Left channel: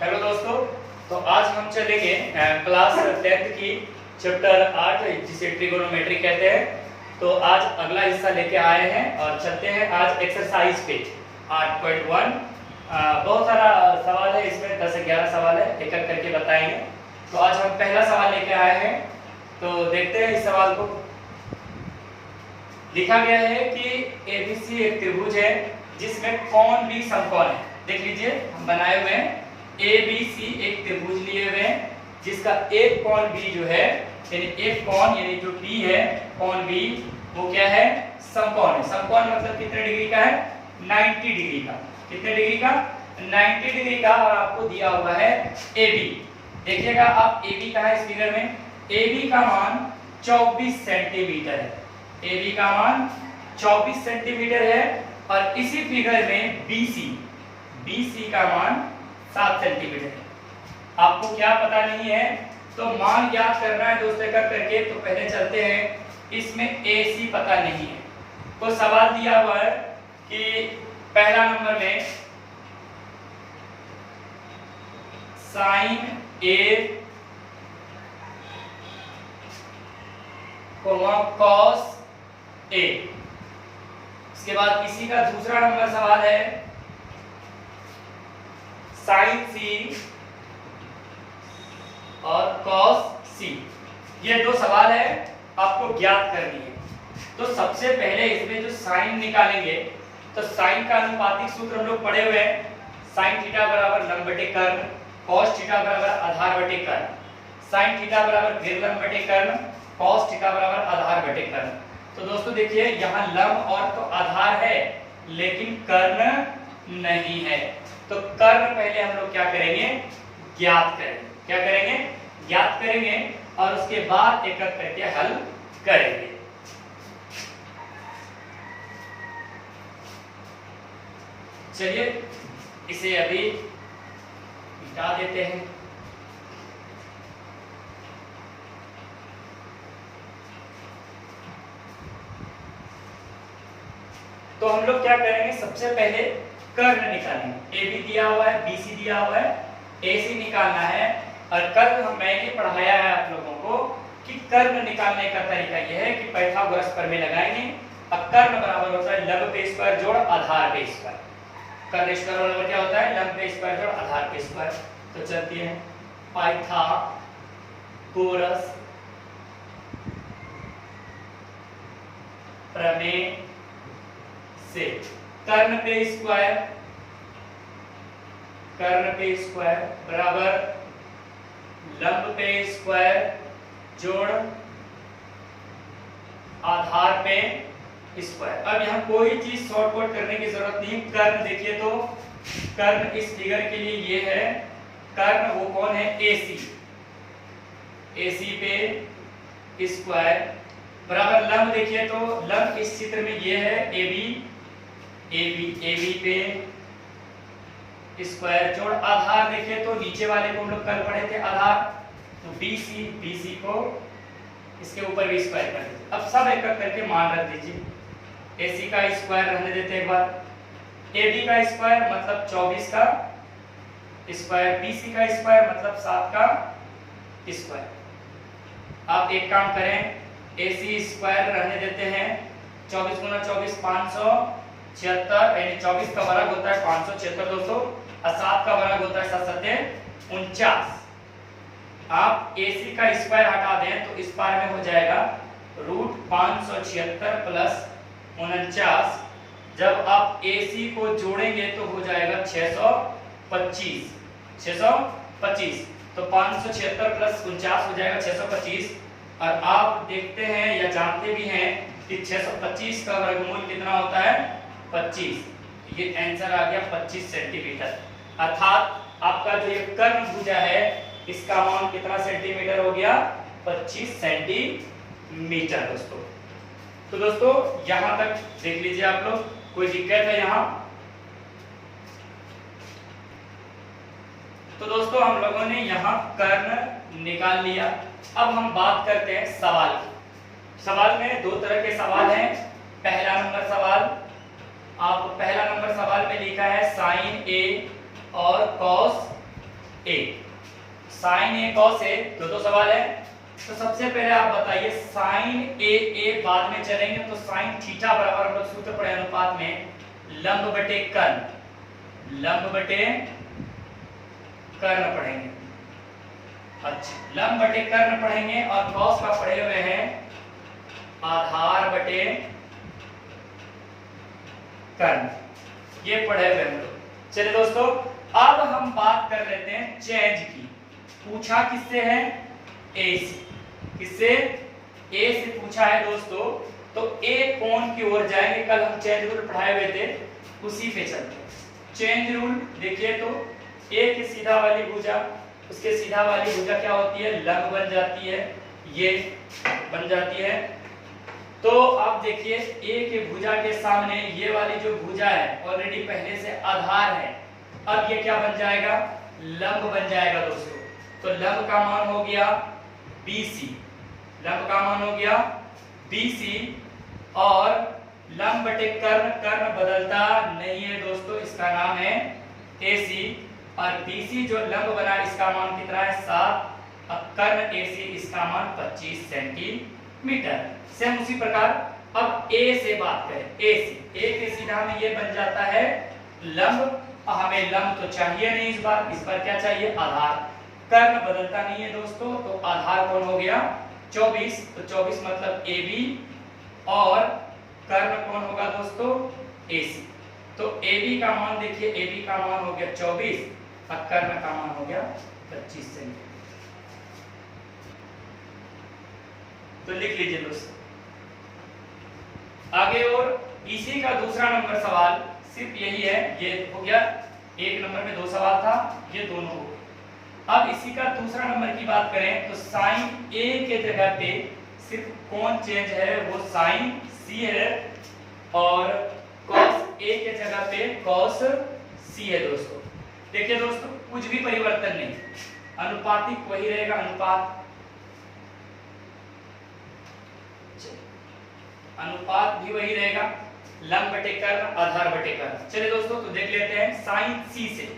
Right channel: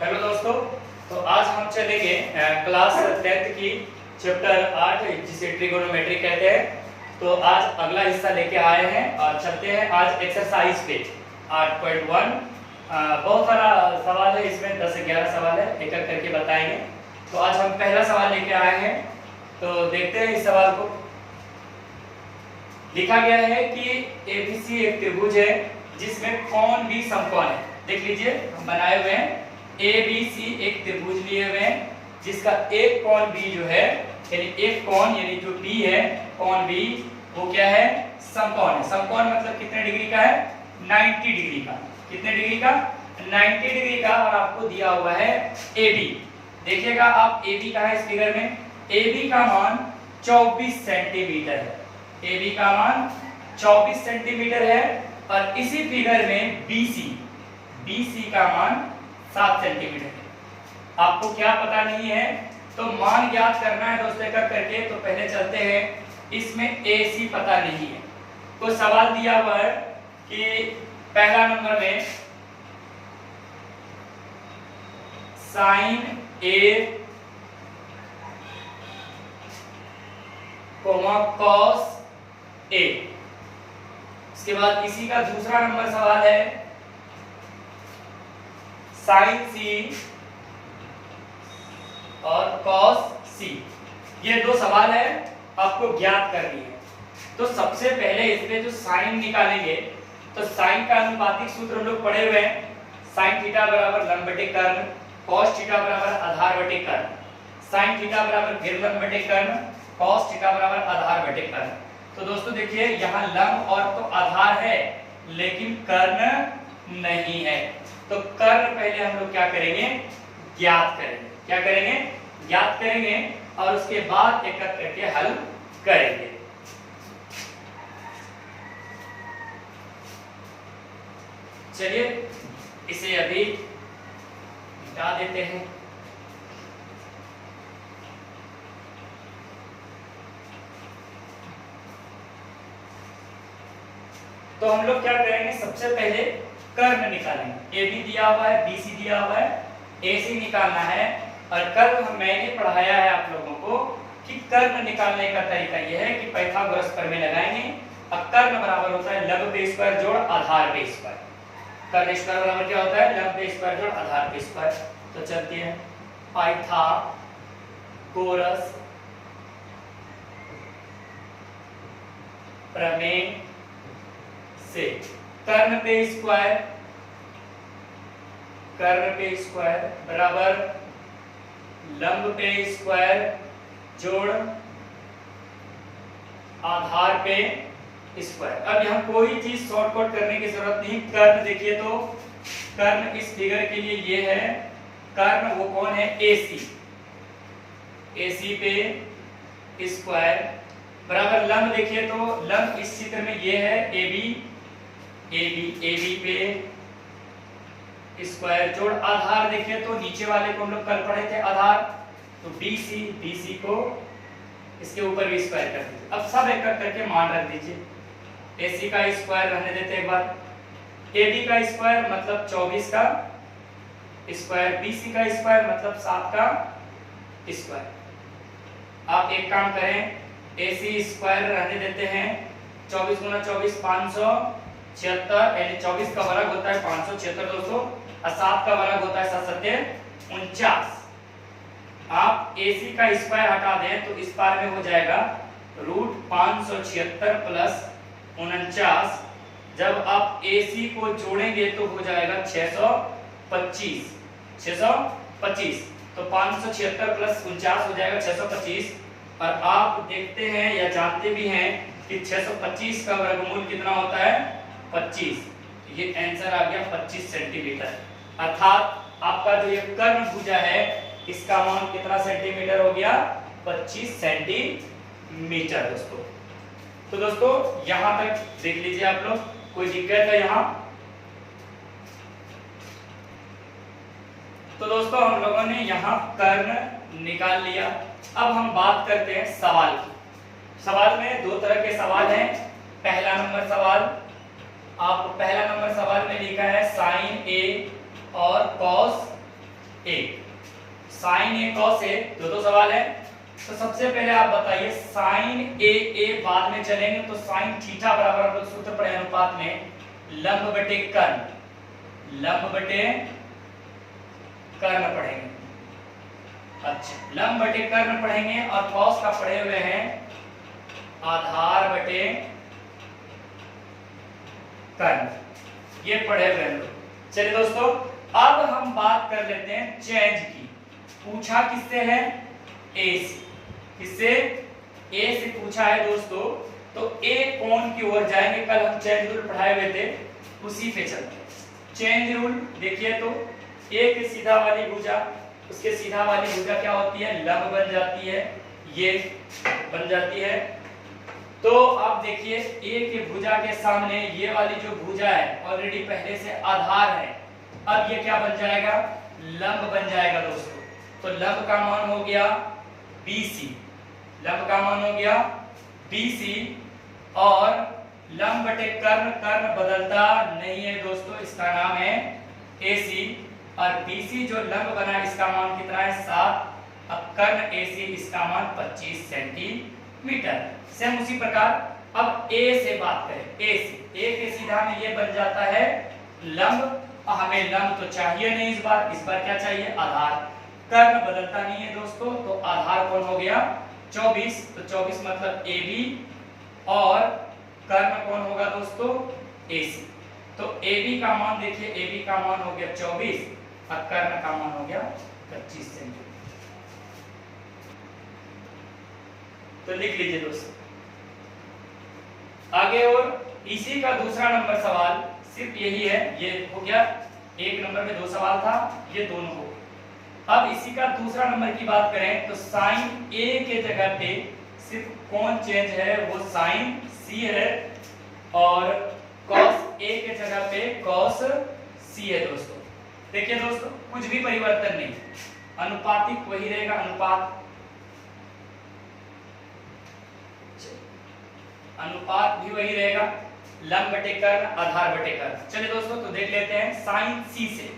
Hello दोस्तों। तो आज हम चलेंगे क्लास 10th की चैप्टर 8 जिसे ट्रिगोनोमेट्री कहते हैं। तो आज अगला हिस्सा लेके आए हैं और चलते हैं आज एक्सरसाइज पे 8.1। बहुत सारा सवाल है इसमें, 10 से 11 सवाल है, एक एक करके बताएंगे। तो आज हम पहला सवाल लेके आए हैं, तो देखते हैं इस सवाल को। लिखा गया है कि एबीसी एक त्रिभुज है जिसमें कोण भी समकोण है। देख लीजिए, हम बनाए हुए हैं ए बी सी एक त्रिभुज लिए हुए हैं जिसका एक कोण बी जो है, यानी एक कोण यानी जो बी है कोण बी, वो क्या है? समकोण है। समकोण मतलब कितने डिग्री का है? 90 डिग्री का। कितने डिग्री का? 90 डिग्री का। और आपको दिया हुआ है ए बी। देखिएगा आप ए बी का है इस फिगर में। ए बी का मान 24 सेंटीमीटर है। ए बी का मान 24 सेंटीमीटर है। और इसी फिगर में BC का मान 7 सेंटीमीटर है। आपको क्या पता नहीं है तो मान ज्ञात करना है दोस्तों एक करके। तो पहले चलते हैं, इसमें AC पता नहीं है। तो सवाल दिया हुआ है कि पहला नंबर में साइन A कॉस A। इसके बाद इसी का दूसरा नंबर सवाल है साइन C और कॉस C। ये दो सवाल है, आपको ज्ञात करनी है। तो सबसे पहले इसमें जो साइन निकालेंगे, तो साइन का अनुपातिक सूत्र हम लोग पढ़े हुए हैं। साइन थीटा बराबर लंब बटे कर्ण, कॉस थीटा बराबर आधार बटे कर्ण। साइन थीटा बराबर विकर्ण बटे कर्ण, कॉस थीटा बराबर आधार बटे कर्ण। तो दोस्तों देखिए, यहाँ लंब और तो आधार है लेकिन कर्ण नहीं है। तो कर्ण पहले हम लोग क्या करेंगे? ज्ञात करेंगे। क्या करेंगे? ज्ञात करेंगे और उसके बाद एक एक करके हल करेंगे। चलिए इसे अभी मिटा देते हैं। तो हम लोग क्या करेंगे? सबसे पहले कर्ण निकालेंगे। ए बी दिया हुआ है, बी सी दिया हुआ है, ए सी निकालना है। और कर्ण मैंने पढ़ाया है आप लोगों को कि कर्ण निकालने का तरीका यह है कि पाइथागोरस प्रमेय लगाएंगे। अब कर्ण बराबर होता है लंब पे स्क्वायर जोड़ आधार पे स्क्वायर। कर्ण स्क्वायर बराबर क्या होता है? लंब पे स्क्वायर जोड़ आधार पे स्क्वायर। तो चलती है पाइथागोरस प्रमेय से कर्ण पे स्क्वायर बराबर लंब पे स्क्वायर जोड़ आधार पे स्क्वायर। अब यहाँ कोई चीज शॉर्टकट करने की जरूरत नहीं। कर्ण देखिए, तो कर्ण इस फिगर के लिए ये है। कर्ण वो कौन है? AC पे स्क्वायर बराबर लंब देखिए, तो लंब इस चित्र में ये है AB पे स्क्वायर जोड़ आधार देखिए, तो नीचे वाले को हम लोग कल पढ़े थे आधार। तो BC को इसके ऊपर भी स्क्वायर कर दीजिए। अब सब एक एक करके मान रख दीजिए। AC का स्क्वायर रहने देते हैं एक बार, AB का स्क्वायर मतलब 24 का स्क्वायर, BC का स्क्वायर मतलब 7 का स्क्वायर। आप एक काम करें, AC स्क्वायर रहने देते हैं। 24 गुना 24 576, यानी 24 का वर्ग होता है 576 दोस्तों, और 7 का वर्ग होता है 7 सत्ते 49। आप AC का स्क्वायर हटा दें तो इस पार में हो जाएगा √576 प्लस 49। जब आप AC को जोड़ेंगे तो हो जाएगा 625। तो 576 प्लस 49 हो जाएगा 625। और आप देखते हैं या जानते भी हैं कि 625 का वर्गमूल कितना होता है? 25। ये आंसर आ गया 25 सेंटीमीटर। अर्थात आपका जो ये कर्ण भुजा है इसका मान कितना सेंटीमीटर हो गया? 25 सेंटीमीटर दोस्तों। तो दोस्तों यहां तक देख लीजिए आप लोग, कोई दिक्कत है यहाँ? तो दोस्तों हम लोगों ने यहाँ कर्ण निकाल लिया। अब हम बात करते हैं सवाल की। सवाल में दो तरह के सवाल हैं। पहला नंबर सवाल, आप पहला नंबर सवाल में लिखा है साइन A और cos A. Sign A cos A, दो सवाल है। तो सबसे पहले आप बताइए साइन ए बाद में चलेंगे तो साइन थीटा बराबर हम लोग सूत्र पढ़े अनुपात में लंब बटे कर्ण, लंब बटे कर्ण पढ़ेंगे। अच्छा, लंब बटे कर्ण पढ़ेंगे और कॉस का पढ़े हुए हैं आधार बटे कर्ण, ये पढ़े हुए हम लोग। चलिए दोस्तों, अब हम बात कर लेते हैं चेंज की। पूछा किससे है? ए से। किससे? ए से पूछा है दोस्तों। तो ए कोण की ओर जाएंगे, कल हम चेंज रूल पढ़ाए हुए थे, उसी पे चलते हैं। चेंज रूल देखिए तो ए के सीधा वाली भुजा, उसके सीधा वाली भुजा क्या होती है? लंब बन जाती है, ये बन जाती है। तो अब देखिए ए के भुजा के सामने ये वाली जो भुजा है ऑलरेडी पहले से आधार है, अब ये क्या बन जाएगा? लंब बन जाएगा दोस्तों। तो लंब का मान हो गया BC, लंब का मान हो गया BC। और लंब बटे कर्ण, कर्ण बदलता नहीं है दोस्तों, इसका नाम है AC। और BC जो लंब बना इसका मान कितना है? 7। अब कर्ण AC इसका मान 25 सेंटीमीटर। सेम उसी प्रकार अब A से बात करें, A से, A के सीधा में ये बन जाता है लंब। हमें लंब तो चाहिए नहीं इस बार क्या चाहिए? आधार। कर्ण बदलता नहीं है दोस्तों, तो आधार कौन हो गया? 24। तो 24 मतलब AB और कर्ण कौन होगा दोस्तों? AC। तो AB का मान देखिए, AB का मान हो गया 24 और कर्ण का मान हो गया 25 सेंटीमीटर। तो लिख लीजिए दोस्तों आगे। और इसी का दूसरा नंबर सवाल सिर्फ यही है, ये हो गया। एक नंबर में 2 सवाल था, ये दोनों हो। अब इसी का दूसरा नंबर की बात करें तो साइन ए के जगह पे सिर्फ कौन चेंज है? वो साइन सी है और कॉस ए के जगह पे कॉस सी है दोस्तों। देखिए दोस्तों कुछ भी परिवर्तन नहीं, अनुपातिक वही रहेगा, अनुपात भी वही रहेगा, लंब बटे कर्ण, आधार बटे कर्ण। चलिए दोस्तों तो देख लेते हैं साइन सी से।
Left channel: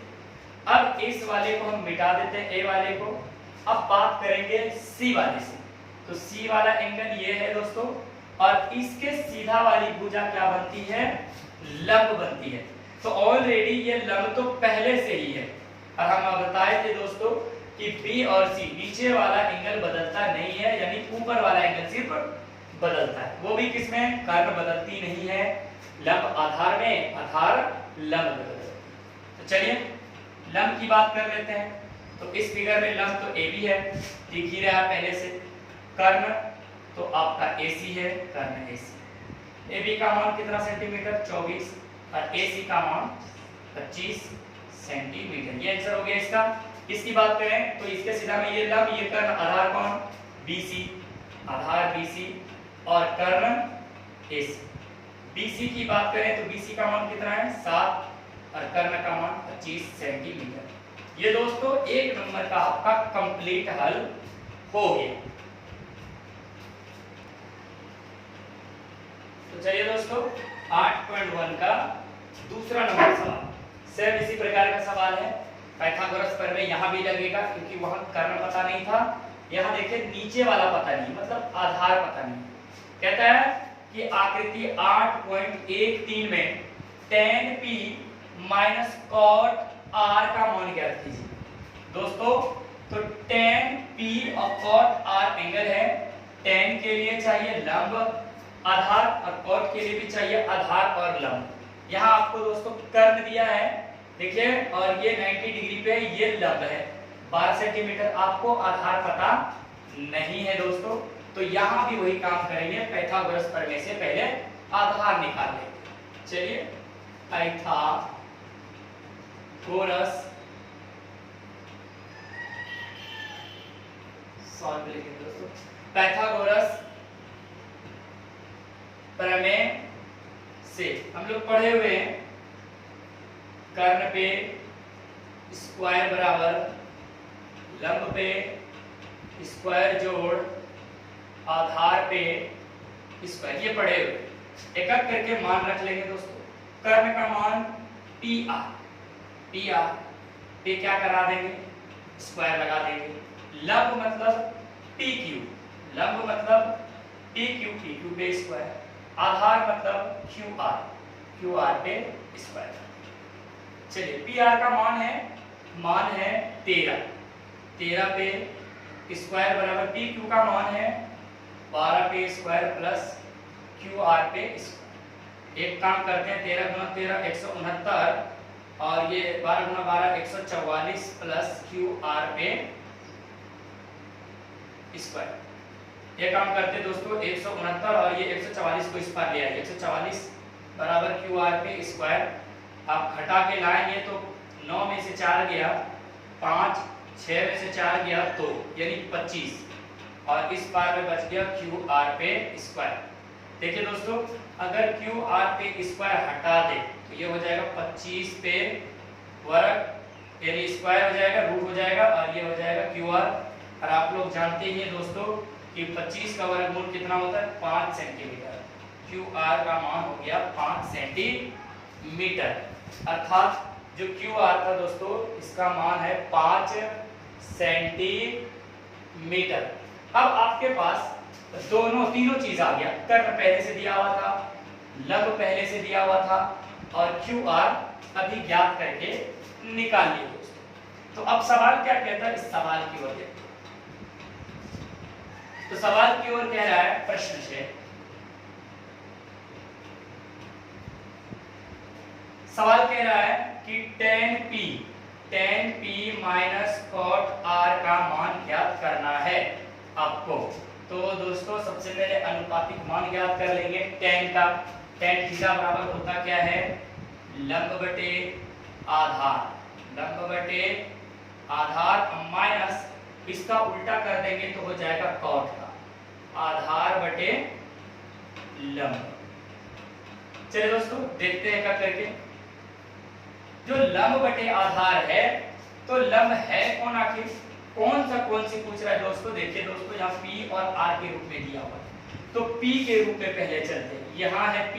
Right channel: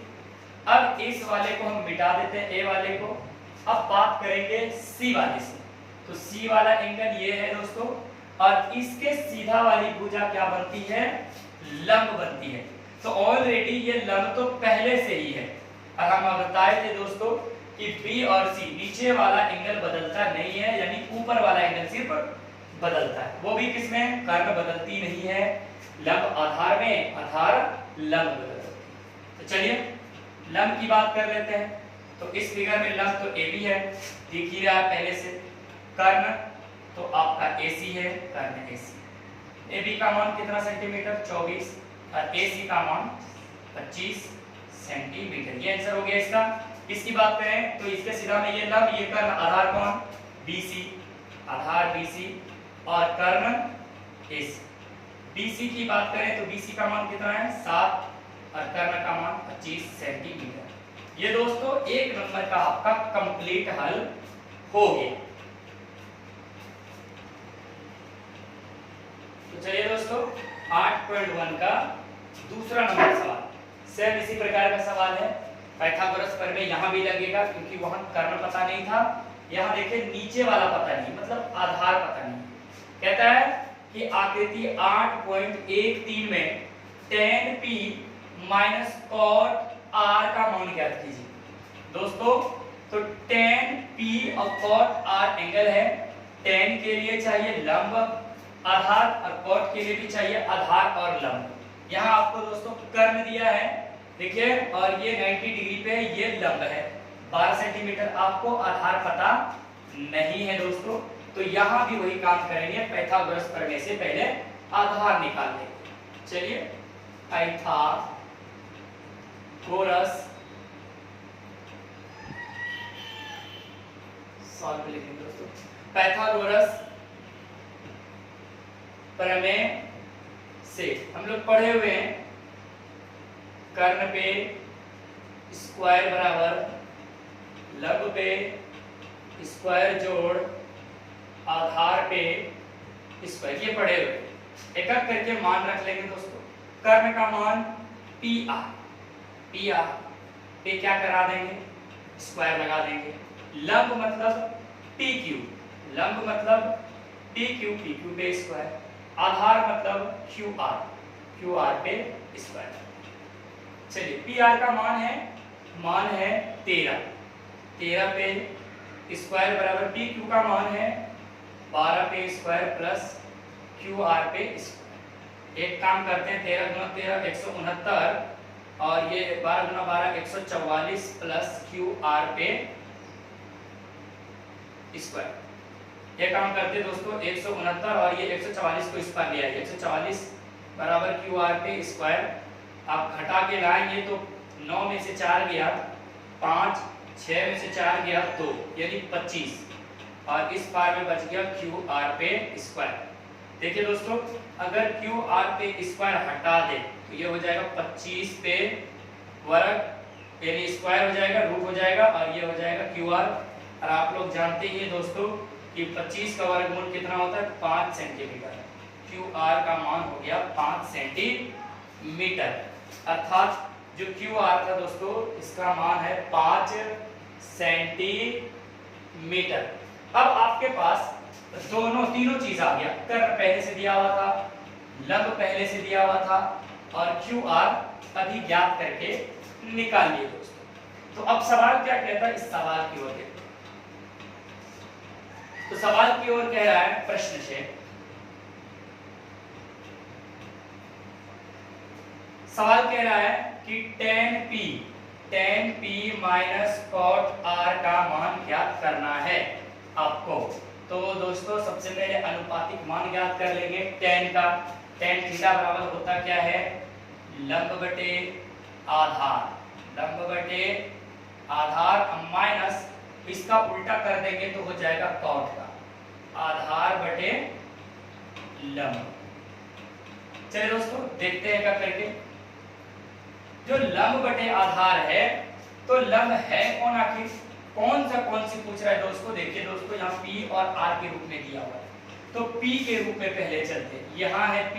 अब इस वाले को हम मिटा देते हैं, ए वाले को। अब बात करेंगे सी वाले से। तो सी वाला एंगल ये है दोस्तों, और इसके सीधा वाली भुजा क्या बनती है? लंब बनती है। तो ऑलरेडी ये लंब तो पहले से ही है। और हम बताए थे दोस्तों कि बी और सी, नीचे वाला एंगल बदलता नहीं है, यानी ऊपर वाला एंगल सिर्फ बदलता है। वो भी किसमें? कर्ण बदलती नहीं है, लंब आधार में, आधार लंब बदलती। तो चलिए लंब की बात कर लेते हैं। तो इस फिगर में लंब तो AB है, दिख ही रहा है पहले से। कर्ण तो आपका AC है, कर्ण AC। AB का मान कितना सेंटीमीटर? 24 और AC का मान 25 सेंटीमीटर। ये आंसर हो गया इसका। इसकी बात करें तो इसके सीधा में ये लंब, ये कर्ण, आधार कौन? BC, आधार BC और कर्ण AC। BC की बात करें तो BC का मान कितना है? 7 और कर्ण का मान 25 सेंटीमीटर। ये दोस्तों एक नंबर का आपका कंप्लीट हल हो गया। तो चलिए दोस्तों 8.1 का दूसरा नंबर सवाल सेम इसी प्रकार का सवाल है। पाइथागोरस प्रमेय यहां भी लगेगा क्योंकि वहां कर्ण पता नहीं था। यहां देखिए नीचे वाला पता नहीं, मतलब आधार पता नहीं। कहता है कि आकृति 8.13 में tan P minus cot R का मान ज्ञात कीजिए। दोस्तों तो tan P और cot R एंगल है। tan के लिए चाहिए लंब आधार और cot के लिए भी चाहिए आधार और लंब। यहाँ आपको दोस्तों कर्ण दिया है देखिए, और ये 90 डिग्री पे है, ये लंब है 12 सेंटीमीटर। आपको आधार पता नहीं है दोस्तों, तो यहाँ भी वही काम करेंगे, पाइथागोरस प्रमेय से पहले आधार निकाल लेंगे। चलिए पाइथागोरस सॉल्व लिखेंगे दोस्तों। पाइथागोरस प्रमेय से हम लोग पढ़े हुए हैं कर्ण पे स्क्वायर बराबर लंब पे स्क्वायर जोड़ आधार पे स्क्वायर, ये पढ़े हुए। एक एक करके मान रख लेंगे दोस्तों। कर्ण का मान PR, PR पे क्या करा देंगे? स्क्वायर लगा देंगे। लंब मतलब पी क्यू, लंब मतलब पी क्यू पे स्क्वायर, आधार मतलब क्यू आर पे स्क्वायर। चलिए पी आर का मान है 13 पे स्क्वायर बराबर पी क्यू का मान है 12 पे स्क्वायर प्लस क्यू आर पे स्क्वायर। एक काम करते हैं, 13 गुना 13 169 और ये 12 गुना 12 144 प्लस क्यू आर पे स्क्वायर। ये काम करते दोस्तों 169 और ये 144 को इस पर ले आए, 144 बराबर क्यू आर पे स्क्वायर। आप घटा के लाएंगे तो 9 में से 4 गया 5, 6 में से 4 गया 2 यानी 25 और इस पार में बच गया क्यू आर पे स्क्वायर। देखिए दोस्तों अगर क्यू आर पे स्क्वायर हटा दे तो ये हो जाएगा 25 पे वर्ग यानी स्क्वायर हो जाएगा, रूट हो जाएगा और ये हो जाएगा क्यू आर। और आप लोग जानते ही हैं दोस्तों कि 25 का वर्गमूल कितना होता है 5 सेंटीमीटर। क्यू आर का मान हो गया 5 सेंटीमीटर, अर्थात जो क्यू आर था दोस्तों इसका मान है 5 सेंटीमीटर। अब आपके पास तीनों चीज आ गया, कर्ण पहले से दिया हुआ था, लंब पहले से दिया हुआ था और क्यू आर अभी ज्ञात करके निकाल लिए दोस्तों। तो अब सवाल क्या कहता है, इस सवाल की ओर देखते हैं। तो सवाल की ओर कह रहा है प्रश्न से, सवाल कह रहा है कि tan p minus cot r का मान ज्ञात करना है आपको। तो दोस्तों सबसे पहले अनुपातिक मान ज्ञात कर लेंगे tan का। tan थीटा बराबर होता क्या है, लंब बटे आधार माइनस इसका उल्टा कर देंगे तो हो जाएगा cot का, आधार बटे लंब। चलिए दोस्तों देखते हैं क्या करके। जो लंब बटे आधार है तो लंब है कौन, आखिर कौन सी पूछ रहा है दोस्तों। देखिए दोस्तों यहाँ P और R के रूप में दिया हुआ है तो P के रूप में पहले चलते हैं। यहाँ है P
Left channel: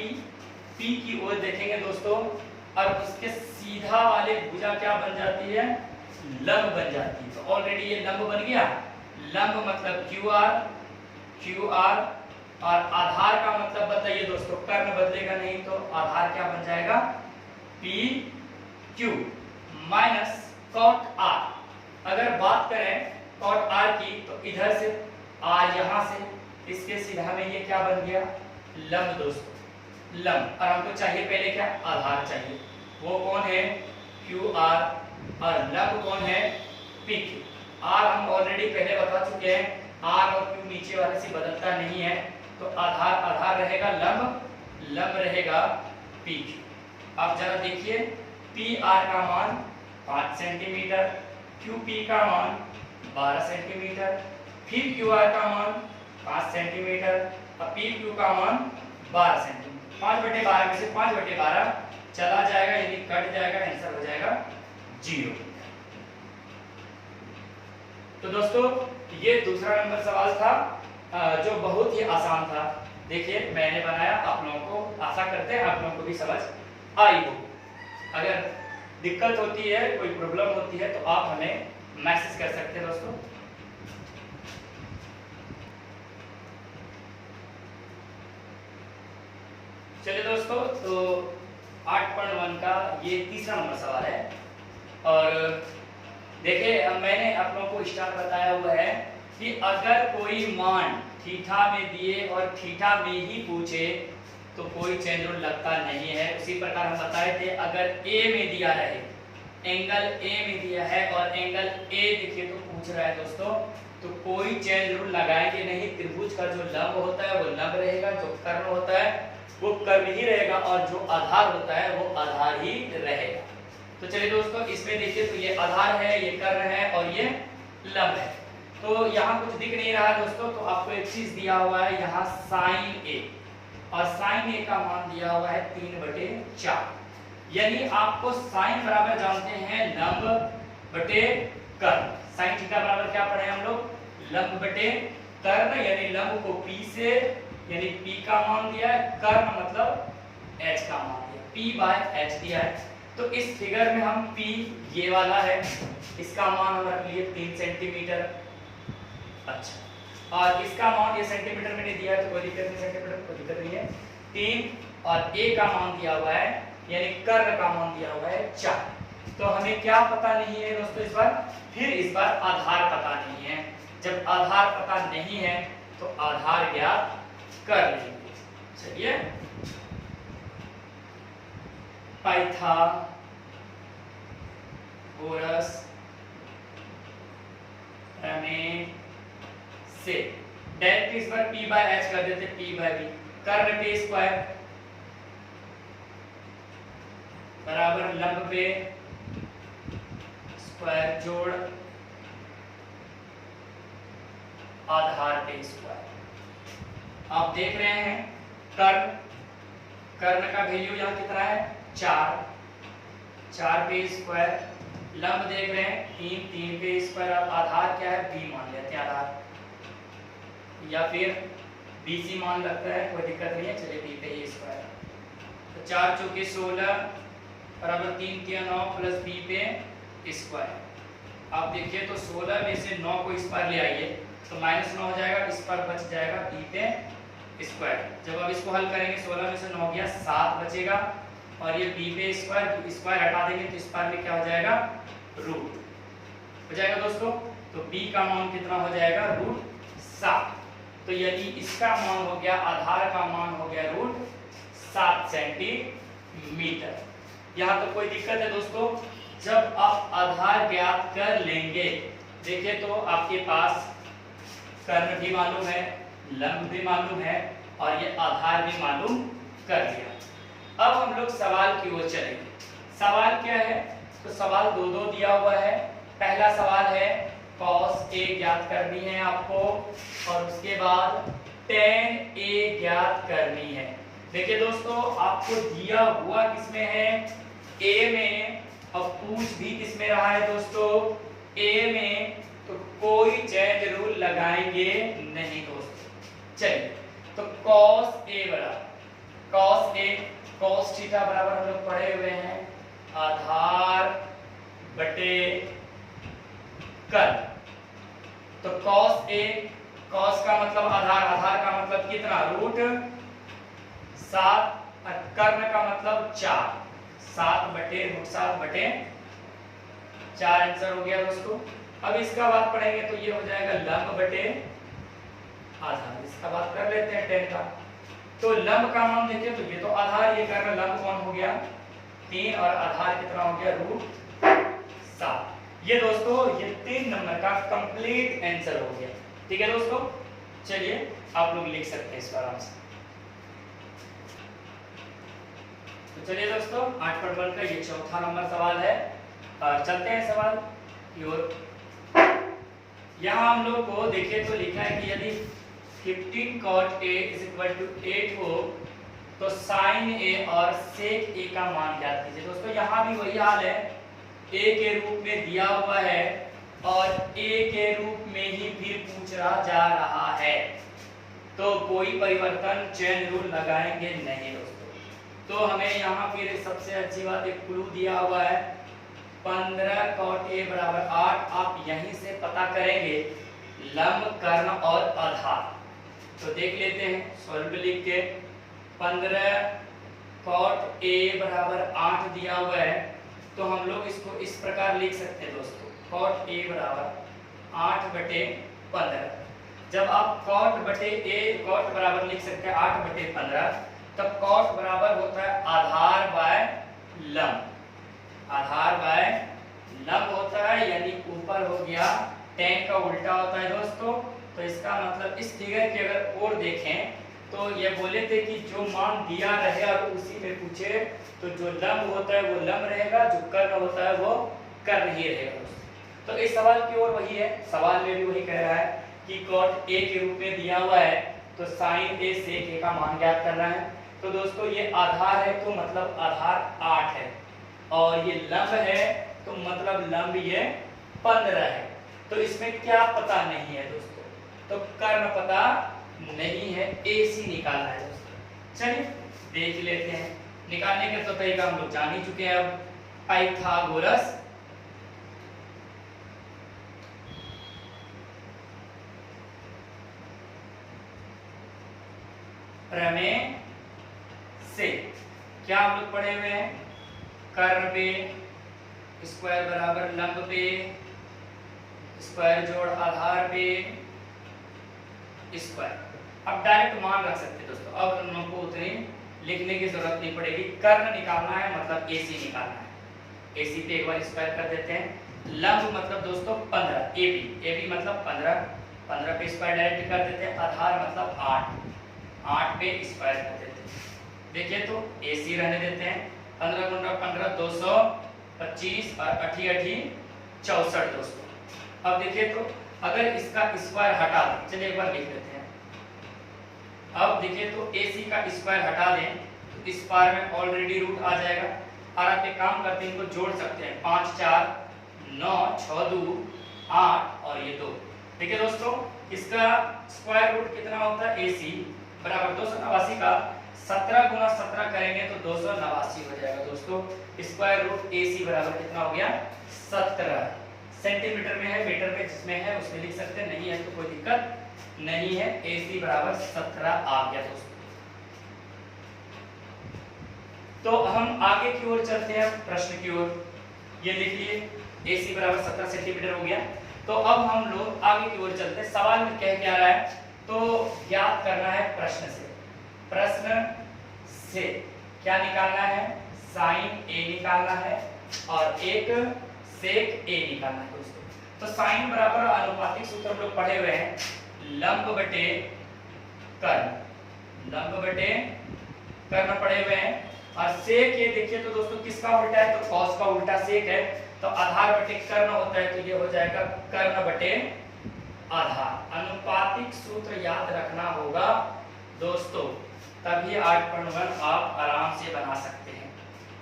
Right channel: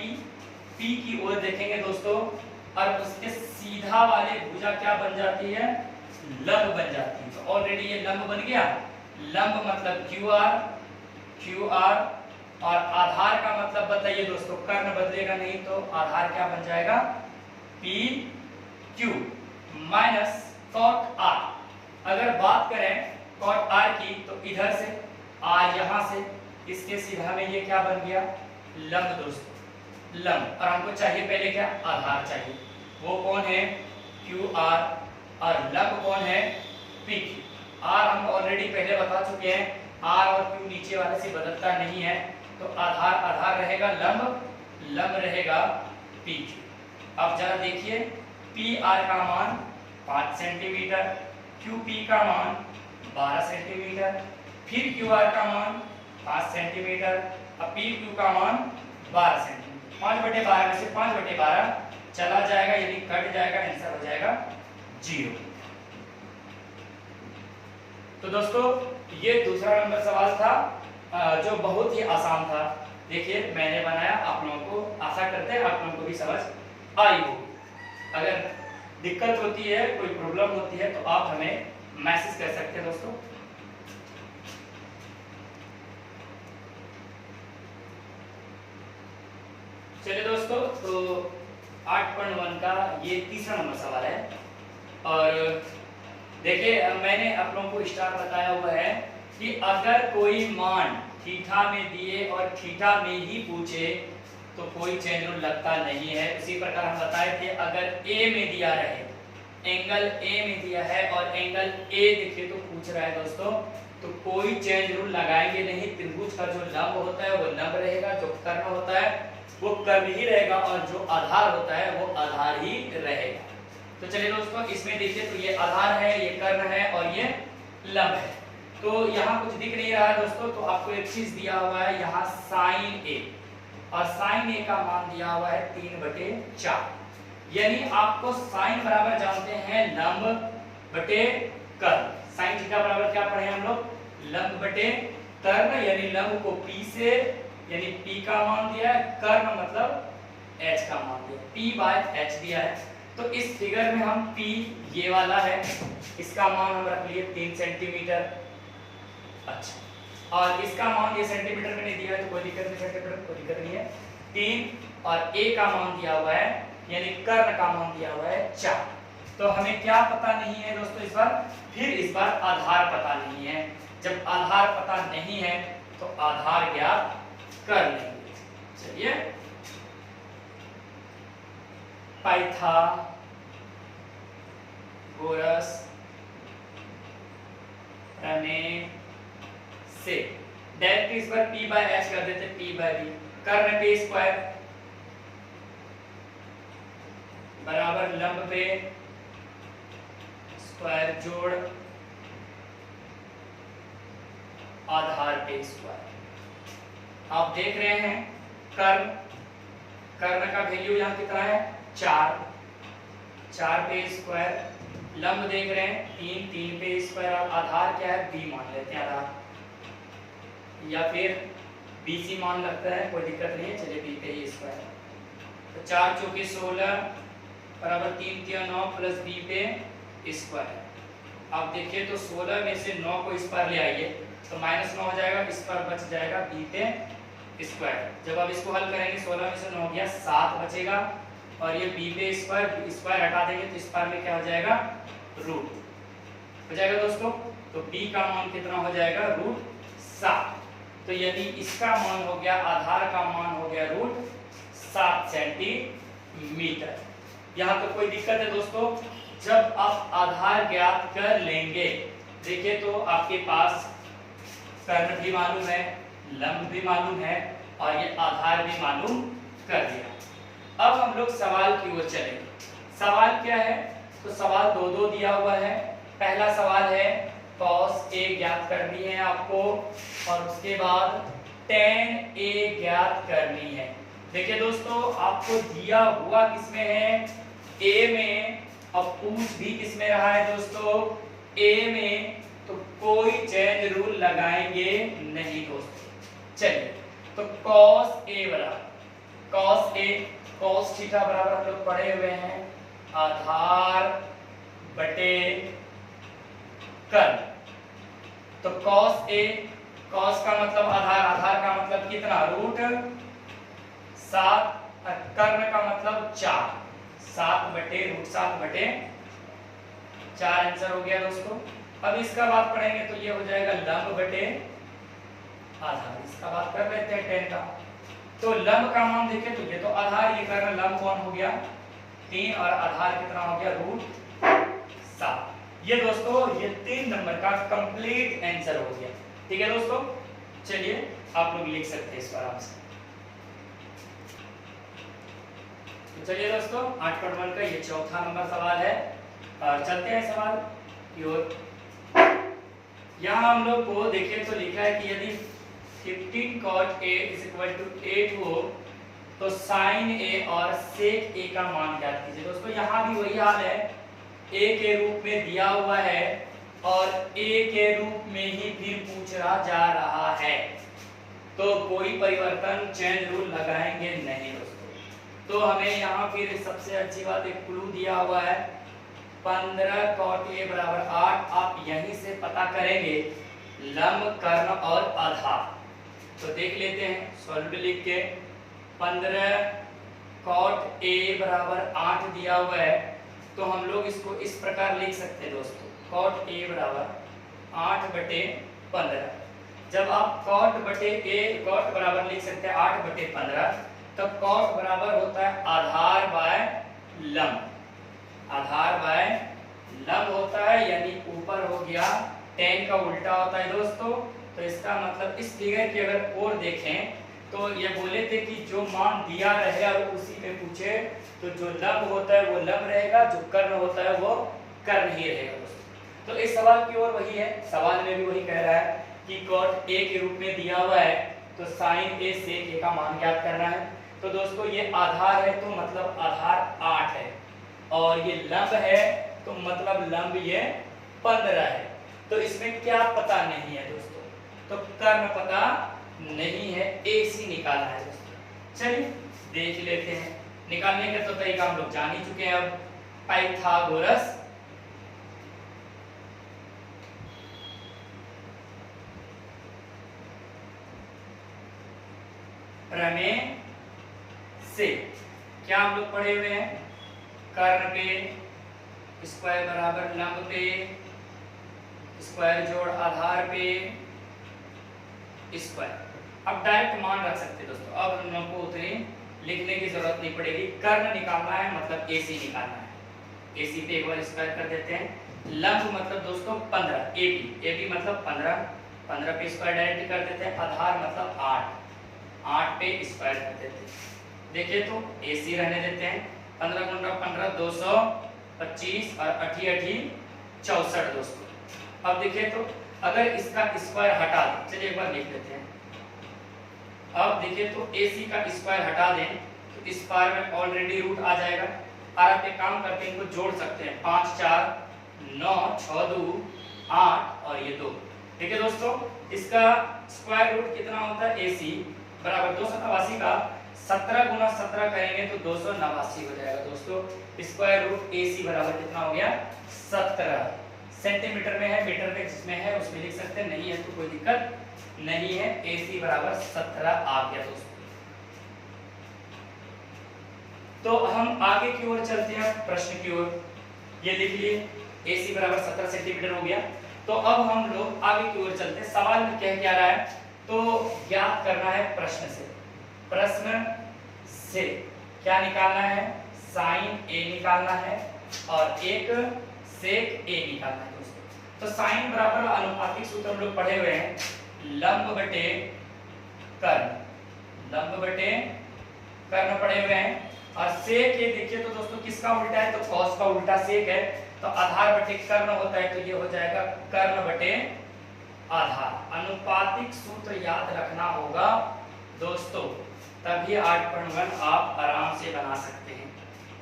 की ओर देखेंगे दोस्तों और उसके सीधा वाले भुजा क्या बन जाती है, लंब बन जाती है। तो ऑलरेडी ये लंब बन गया, लंब मतलब क्यू आर और आधार का मतलब बताइए दोस्तों, कर्ण बदलेगा नहीं तो आधार क्या बन जाएगा P Q minus cot R. अगर बात करें कॉट आर की तो इधर से आर यहाँ से इसके सीधा में ये क्या बन गया लंब दोस्तों, लंब। और हमको चाहिए पहले क्या, आधार चाहिए, वो कौन है क्यू आर और लंब कौन है पी क्यू। आर हम ऑलरेडी पहले बता चुके हैं, आर और क्यू नीचे वाले से बदलता नहीं है तो आधार रहेगा लंब रहेगा पी क्यू। अब जरा देखिए पी आर का मान 5 सेंटीमीटर, क्यू पी का मान 12 सेंटीमीटर, फिर क्यू आर का मान 5 सेंटीमीटर, अब पी क्यू का मान 12 सेंटीमीटर। 5/12 में से 5/12 चला जाएगा यानी कट जाएगा, आंसर हो जाएगा 0। तो दोस्तों ये दूसरा नंबर सवाल था जो बहुत ही आसान था। देखिए मैंने बनाया, आप लोगों को आशा करते हैं आप लोगों को भी समझ आई हो। अगर दिक्कत होती है, कोई प्रॉब्लम होती है तो आप हमें मैसेज कर सकते हैं दोस्तों। चलिए दोस्तों तो 8.1 का ये तीसरा नंबर सवाल है और देखिए मैंने आप लोगों को स्टार्ट बताया हुआ है कि अगर कोई मान थीटा में दिए और थीटा में ही पूछे तो कोई चेंज रूल लगता नहीं है। उसी प्रकार हम बताए थे अगर ए में दिया रहे, एंगल ए में दिया है और एंगल ए देखिए तो पूछ रहा है दोस्तों, तो कोई चेंज रूल लगाएंगे नहीं। त्रिभुज का जो लंब होता है वो लंब रहेगा, जो कर्ण होता है वो कर्ण ही रहेगा और जो आधार होता है वो आधार ही रहेगा। तो चलिए दोस्तों इसमें देखिए तो ये आधार है, ये कर्ण है और ये लंब है। तो यहाँ कुछ दिख नहीं रहा है दोस्तों, तो आपको एक चीज दिया हुआ है यहाँ साइन ए, और साइन ए का मान दिया हुआ है 3/4। यानी आपको साइन बराबर जानते हैं लंब बटे कर्ण। साइन थीटा बराबर क्या पढ़े हम लोग, लंब बटे कर्ण, यानी लंब को P से यानी P का मान दिया है, कर्ण मतलब H का मान दिया, P/H दिया है। तो इस फिगर में हम P ये वाला है, इसका मान हम रख लिए 3 सेंटीमीटर। अच्छा, और इसका मान ये सेंटीमीटर में नहीं दिया है तो कोई दिक्कत नहीं, सेंटीमीटर कोई दिक्कत नहीं है। 3 और ए का मान दिया हुआ है, यानी कर्ण का मान दिया हुआ है 4। तो हमें क्या पता नहीं है दोस्तों इस बार? फिर इस बार आधार पता नहीं है। जब आधार पता नहीं है तो आधार ज्ञात कर लेंगे। चलिए, पाइथागोरस प्रमेय से डायरेक्ट इस बार p बाय h कर देते, p बाय b, कर्ण पे स्क्वायर बराबर लंब पे स्क्वायर जोड़ आधार पे स्क्वायर। आप देख रहे हैं कर्ण का वैल्यू यहाँ कितना है 4, 4 पे स्क्वायर, लंब देख रहे हैं 3, 3 पे स्क्वायर, आधार क्या है b मान लेते हैं आधार, या फिर BC मान लगता है, कोई दिक्कत नहीं है। चलिए b पे स्क्वायर, तो 4 चौके 16 बराबर 3 के 9 प्लस b पे स्क्वायर। आप देखिए तो 16 में से 9 को इस पर ले आइए तो -9 हो जाएगा, इस पर बच जाएगा b पे स्क्वायर। जब आप इसको हल करेंगे 16 में से 9 गया 7 बचेगा, और ये b पे स्क्वायर हटा देंगे तो इस पर में क्या हो जाएगा रूट हो जाएगा दोस्तों। तो b का मान कितना हो जाएगा √7। तो यदि इसका मान हो गया, आधार का मान हो गया √7 सेंटीमीटर। यहाँ तो कोई दिक्कत है दोस्तों? जब आप आधार ज्ञात कर लेंगे, देखिए तो आपके पास कर्ण भी मालूम है, लंब भी मालूम है, और ये आधार भी मालूम कर दिया। अब हम लोग सवाल की ओर चलेंगे। सवाल क्या है? तो सवाल दो दिया हुआ है। पहला सवाल है cos A ज्ञात करनी है आपको, और उसके बाद tan A ज्ञात करनी है। देखिए दोस्तों, आपको दिया हुआ किसमें है? A में, और पूछ भी किसमें रहा है दोस्तों? A में। तो कोई चेंज रूल लगाएंगे नहीं दोस्तों। चलिए, तो cos A बराबर cos थीटा बराबर हम लोग पढ़े हुए हैं आधार बटे कर्ण। तो cos A, cos का मतलब आधार, आधार का मतलब कितना √7, कर्ण का मतलब 4, 7 बटे √7/4 आंसर हो गया दोस्तों। अब इसका बात पढ़ेंगे तो ये हो जाएगा लंब बटे आधार। इसका बात कर लेते हैं tan का। तो लंब का मान देखिए तो ये तो आधार, ये कर्ण, लंब कौन हो गया 3, और आधार कितना हो गया √7। ये दोस्तों ये 3 नंबर का कंप्लीट आंसर हो गया। ठीक है दोस्तों, चलिए आप लोग लिख सकते हैं इसको आराम से। तो चलिए दोस्तों, 8.1 का ये चौथा नंबर सवाल है, और चलते हैं सवाल की ओर। यहाँ हम लोग को देखिए तो लिखा है कि यदि 15 cot A = 8 हो तो sin A और sec A का मान ज्ञात कीजिए। दोस्तों यहाँ भी वही हाल है, A के रूप में दिया हुआ है और A के रूप में ही फिर पूछा जा रहा है, तो कोई परिवर्तन चेंज रूल लगाएंगे नहीं दोस्तों। तो हमें यहाँ फिर सबसे अच्छी बात एक क्लू दिया हुआ है 15 cot A बराबर 8। आप यहीं से पता करेंगे लंब, कर्ण और आधार। तो देख लेते हैं सॉल्व लिख के। 15 cot A बराबर 8 दिया हुआ है, तो हम लोग इसको इस प्रकार लिख सकते हैं दोस्तों, cot A बराबर 8/15। जब आप cot बराबर लिख सकते हैं 8/15, तब cot बराबर होता है आधार बाय लंब, आधार बाय लंब होता है, यानी ऊपर हो गया tan का उल्टा होता है दोस्तों। तो इसका मतलब इस फिगर की अगर और देखें तो ये बोले थे कि जो मान दिया रहे और उसी में पूछे, तो जो लंब होता है वो लंब रहेगा, जो कर्ण होता है वो कर्ण ही रहेगा दोस्तों। तो इस सवाल की ओर वही है, सवाल में भी वही कह रहा है कि cot A के रूप में दिया हुआ है तो sin A sec A का मान ज्ञात करना है। तो दोस्तों ये आधार है तो मतलब आधार 8 है, और ये लंब है तो मतलब लंब ये 15 है। तो इसमें क्या पता नहीं है दोस्तों? तो कर्ण पता नहीं है, AC निकालना है दोस्तों। चलिए देख लेते हैं। निकालने का तो तरीका हम लोग जान ही चुके हैं। अब पाइथागोरस प्रमेय से क्या हम लोग पढ़े हुए हैं, कर्ण पे स्क्वायर बराबर लंब पे स्क्वायर जोड़ आधार पे स्क्वायर। अब डायरेक्ट मान रख सकते दोस्तों, अब हम लोग को उतनी लिखने की जरूरत नहीं पड़ेगी। कर्ण निकालना है मतलब AC निकालना है, AC पे एक बार स्क्वायर कर देते हैं। लंब मतलब दोस्तों 15, AB मतलब 15 पे स्क्वायर डायरेक्ट कर देते हैं। आधार मतलब 8 पे स्क्वायर कर देते हैं। देखिए तो AC रहने देते हैं, 15 गुणा 15 225 और 8 64 दोस्तों। अब देखिए तो अगर इसका स्क्वायर हटा दें, चलिए एक बार लिख लेते हैं। अब देखिए तो AC का स्क्वायर हटा दें तो इस पार में ऑलरेडी रूट आ जाएगा। और आप एक काम करते हैं, इनको जोड़ सकते हैं, 5 4 9 6 2 8 और ये 2। ठीक है दोस्तों, इसका स्क्वायर रूट कितना होता है, AC बराबर 289 का 17 गुना 17 करेंगे तो 289 हो जाएगा दोस्तों। स्क्वायर रूट AC बराबर कितना हो गया, 17। सेंटीमीटर में है, मीटर में जिसमें है उसमें लिख सकते हैं, नहीं है तो कोई दिक्कत नहीं है। AC बराबर 17 आ गया दोस्तों। तो हम आगे की ओर चलते हैं, प्रश्न की ओर। ये लिख लिए AC बराबर 17 सेंटीमीटर हो गया। तो अब हम लोग आगे की ओर चलते हैं। सवाल में कह क्या रहा है, तो ज्ञात करना है प्रश्न से। प्रश्न से क्या निकालना है, साइन A निकालना है और एक सेक A निकालना है दोस्तों। तो साइन बराबर अनुपातिक सूत्र हम लोग पढ़े हुए हैं, लंब बटे कर्ण, लंब बटे कर्ण पढ़े हुए हैं। और सेक ये देखिए तो दोस्तों किसका उल्टा है, तो कॉस का उल्टा सेक है, तो आधार बटे कर्ण होता है, तो ये हो जाएगा कर्ण बटे आधार। अनुपातिक सूत्र याद रखना होगा दोस्तों, तभी 8.1 आप आराम से बना सकते हैं।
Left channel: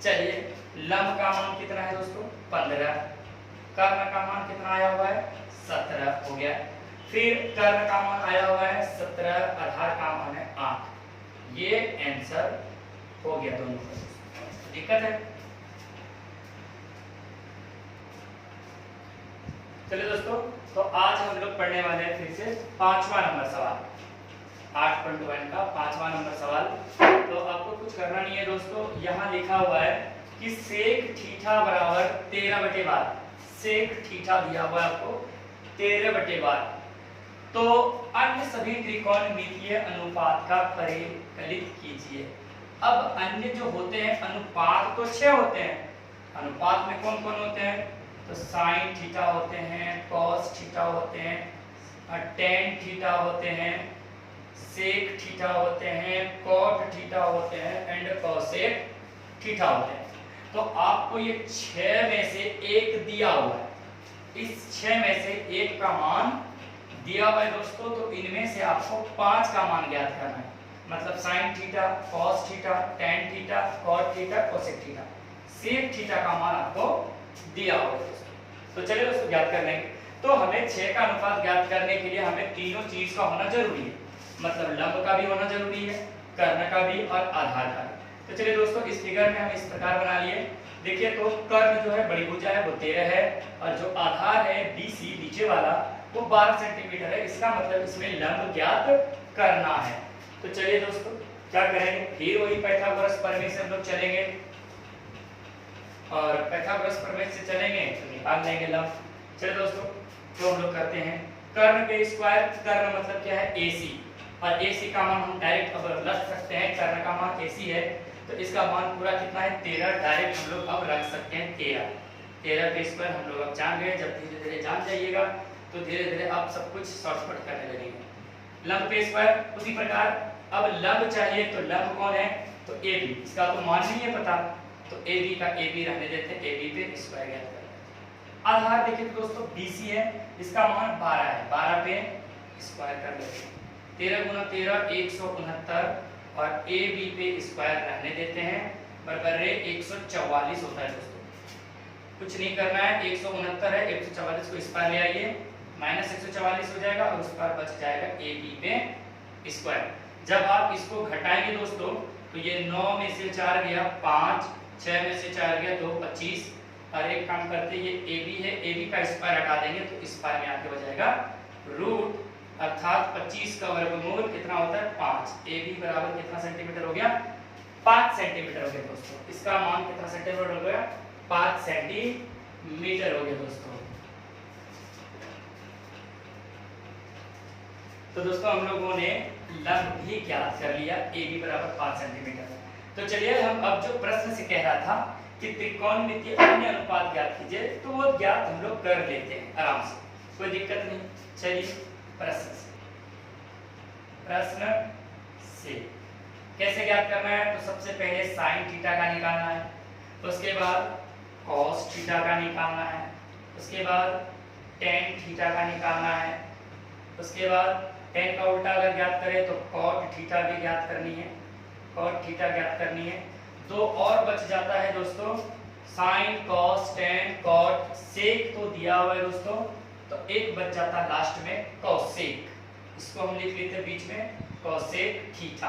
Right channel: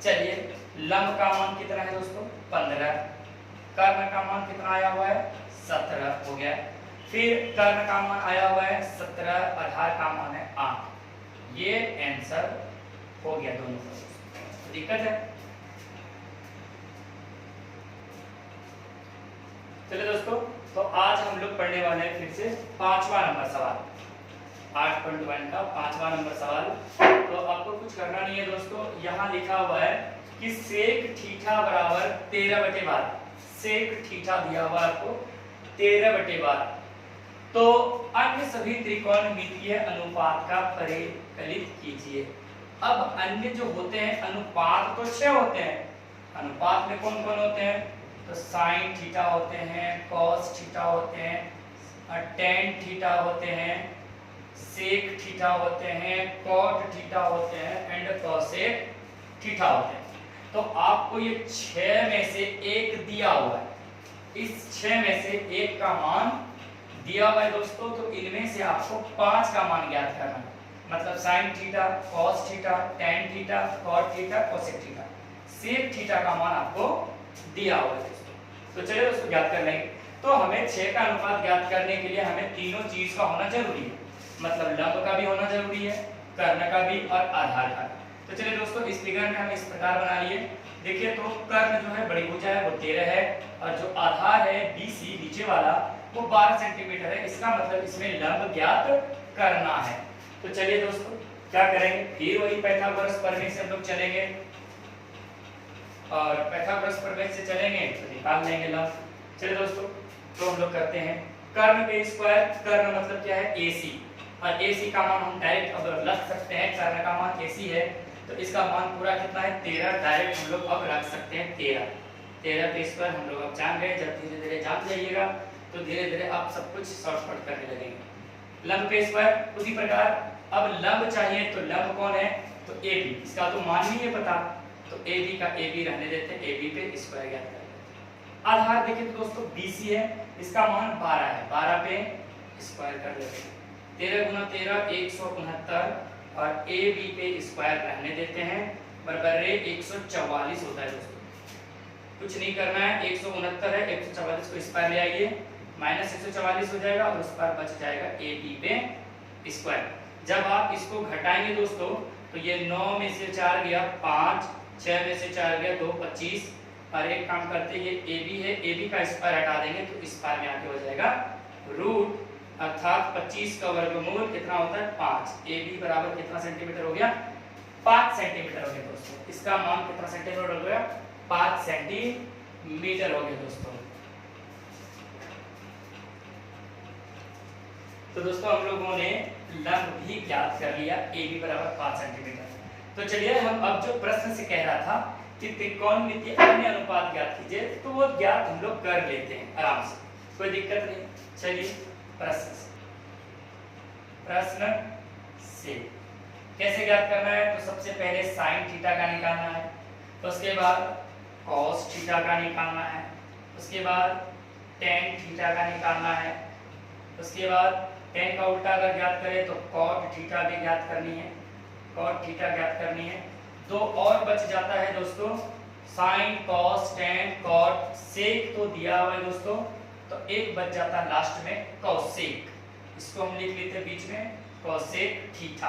चलिए, लंब का मान कितना है दोस्तों, 15, कर्ण का मान कितना आया हुआ है, 17 हो गया। फिर कर्ण का मान आया हुआ है 17, आधार का मान है 8। ये आंसर हो गया दोनों का। दिक्कत है? चलिए दोस्तों, तो आज हम लोग पढ़ने वाले हैं फिर से 5वां नंबर सवाल, 8.1 का 5वां नंबर सवाल। तो आपको कुछ करना नहीं है दोस्तों, यहाँ लिखा हुआ है कि सेक थीटा बराबर 13/12, सेक थीटा दिया हुआ है आपको 13/12। तो अन्य सभी त्रिकोणमितीय अनुपात का परिकलित कीजिए। अब अन्य जो होते हैं अनुपात तो 6 होते हैं, अनुपात में कौन कौन होते हैं, तो साइन थीटा होते हैं, कॉस थीटा होते हैं, टेन थीटा होते हैं, सेक थीटा होते हैं, कॉट थीटा होते हैं एंड कॉसेक थीटा होते हैं। तो आपको ये 6 में से एक दिया हुआ है, इस 6 में से एक का मान दिया हुआ है दोस्तों। तो इनमें से आपको 5 का मान ज्ञात करना है, मतलब sine theta, cos theta, tan theta, cot theta, cosec theta, sec theta का मान आपको दिया हुआ है दोस्तों। तो चलिए दोस्तों ज्ञात कर लेंगे। तो हमें 6 का अनुपात ज्ञात करने के लिए हमें तीनों चीज का होना जरूरी है, मतलब लंब का भी होना जरूरी है, कर्ण का भी और आधार का भी। तो चलिए दोस्तों, इस फिगर में हम इस प्रकार बना लिए। देखिए तो कर्ण जो है बड़ी भुजा है वो 13 है, और जो आधार है BC नीचे वाला वो 12 सेंटीमीटर है। इसका मतलब इसमें लंब ज्ञात करना है। तो चलिए दोस्तों क्या करेंगे, फिर वही पाइथागोरस प्रमेय से हम लोग चलेंगे, और पाइथागोरस प्रमेय से चलेंगे तो निकाल लेंगे लंब। चलिए दोस्तों, तो हम लोग करते हैं कर्ण के स्क्वायर, कर्ण मतलब क्या है AC, और AC का मान हम डायरेक्ट अब रख सकते हैं, कर्ण का मान AC है तो इसका मान पूरा कितना है 13, डायरेक्ट हम लोग अब रख सकते हैं 13 के स्क्वायर हम लोग अब जान गए। जब धीरे धीरे जान जाइएगा तो धीरे धीरे आप सब कुछ शॉर्टकट करने लगेंगे। लंब के स्क्वायर उसी प्रकार, अब लंब चाहिए तो लंब कौन है, तो AB, इसका तो मान नहीं है पता, तो AB का AB रहने देते हैं, AB पे स्क्वायर ज्ञात करते हैं। आधार देखिए दोस्तों BC है, इसका मान 12 है, 12 पे स्क्वायर कर लेते हैं, 13 गुना 13 169 और AB पे स्क्वायर रहने देते हैं, बराबर 144 होता है दोस्तों। कुछ नहीं करना है, 169 है, 144 को स्क्वायर ले आइए, माइनस 144 हो जाएगा और उस पर बच जाएगा AB पे स्क्वायर। जब आप इसको घटाएंगे दोस्तों तो ये 9 में से 4 गया 5, 6 में से 4 गया 2, 25, और एक काम करते ये AB है, AB का स्क्वायर हटा देंगे तो इस पार में आके हो जाएगा रूट, अर्थात 25 का वर्गमूल कितना होता है 5। ए बी बराबर कितना सेंटीमीटर हो गया 5 सेंटीमीटर हो गया दोस्तों। इसका मान कितना सेंटीमीटर हो गया 5 सेंटीमीटर हो गया दोस्तों। तो दोस्तों हम लोगों ने लंब भी ज्ञात कर लिया ए बी बराबर 5 सेंटीमीटर। तो चलिए हम अब जो प्रश्न से कह रहा था कि त्रिकोणमितीय अन्य अनुपात ज्ञात कीजिए, तो वो ज्ञात हम लोग कर लेते हैं आराम से, कोई दिक्कत नहीं। चलिए प्रश्न से कैसे ज्ञात करना है, तो सबसे पहले साइन थीटा का निकालना है, उसके बाद कॉस थीटा का निकालना है, उसके बाद टेन थीटा का निकालना है, उसके बाद टेन का उल्टा अगर ज्ञात करें तो कॉट थीटा भी ज्ञात करनी है, कॉट थीटा ज्ञात करनी है। दो और बच जाता है दोस्तों, sine cos tan cot sec तो दिया हुआ है दोस्तों, तो एक बच जाता है लास्ट में कॉसेक, इसको हम लिख लेते हैं बीच में कॉसेक थीटा,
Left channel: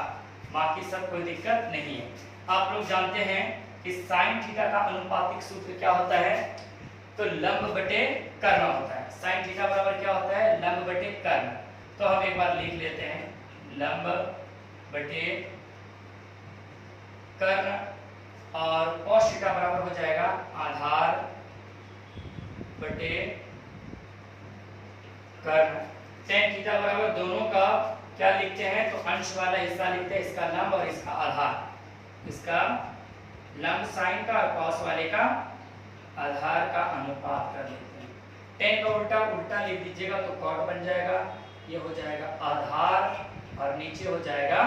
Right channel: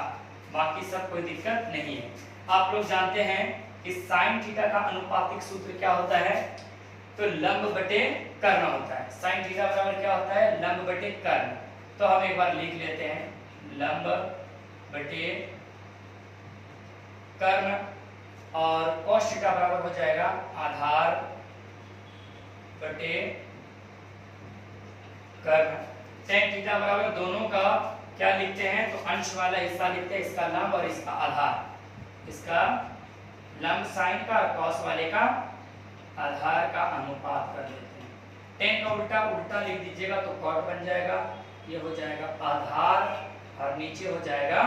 बाकी सब कोई दिक्कत नहीं है। आप लोग जानते हैं कि साइन थीटा का अनुपातिक सूत्र क्या होता है, तो लंब बटे कर्ण होता है। साइन थीटा बराबर क्या होता है लंब बटे कर्ण, तो हम एक बार लिख लेते हैं लंब बटे कर्ण, और cos थीटा बराबर हो जाएगा आधार बटे कर्ण। टेन थीटा बराबर दोनों का क्या लिखते हैं, तो अंश वाला हिस्सा लिखते हैं, इसका लंब और इसका आधार, इसका लंब साइन का और cos वाले का आधार का अनुपात कर लेते हैं। टेन का उल्टा उल्टा लिख दीजिएगा तो cot बन जाएगा, ये हो जाएगा आधार और नीचे हो जाएगा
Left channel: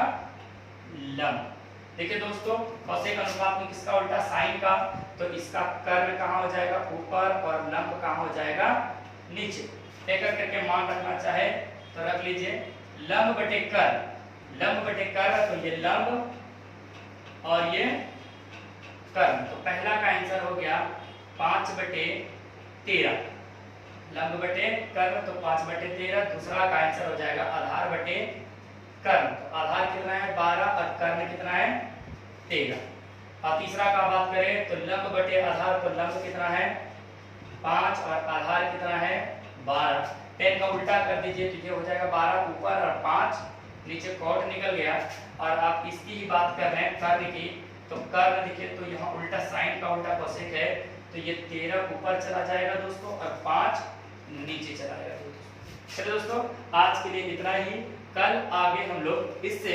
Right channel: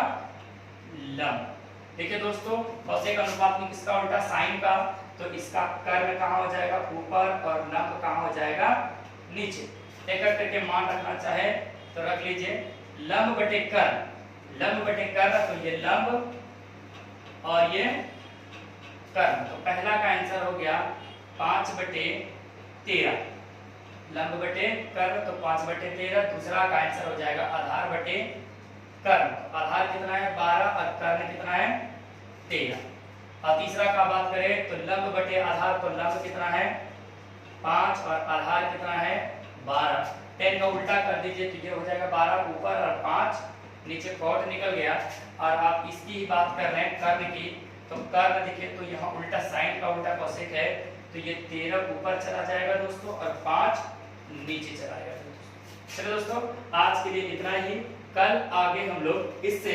लंब। देखिए दोस्तों कॉसेक अनुपात में किसका उल्टा साइन का, तो इसका कर्ण कहाँ हो जाएगा ऊपर और लंब कहाँ हो जाएगा नीचे। एक एक करके मान रखना चाहे तो रख लीजिए, लंब बटे कर्ण, लंब बटे कर्ण, तो ये लंब और ये कर्ण, तो पहला का आंसर हो गया 5/13, लंब बटे कर्ण तो 5/13। दूसरा का आंसर हो जाएगा आधार बटे कर्ण, तो आधार कितना है 12 और कर्ण कितना है 13। और तीसरा का बात करें तो लंब बटे आधार, तो लंब कितना है 5 और आधार कितना है 12। 10 का उल्टा कर दीजिए तो ये हो जाएगा 12 ऊपर और 5 नीचे, कॉट निकल गया। और आप इसकी ही बात कर रहे हैं कर्ण की, तो कर्ण देखिए तो यहाँ उल्टा साइन का उल्टा कोसेक है, तो ये 13 ऊपर चला जाएगा दोस्तों और 5 नीचे चला जाएगा। चलिए दोस्तों आज के लिए इतना ही, कल आगे हम लोग इससे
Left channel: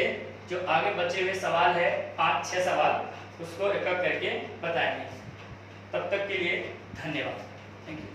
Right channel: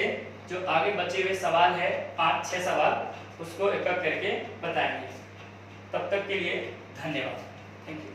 जो आगे बचे हुए सवाल है 5-6 सवाल उसको एक एक करके बताएंगे। तब तक के लिए धन्यवाद, थैंक यू।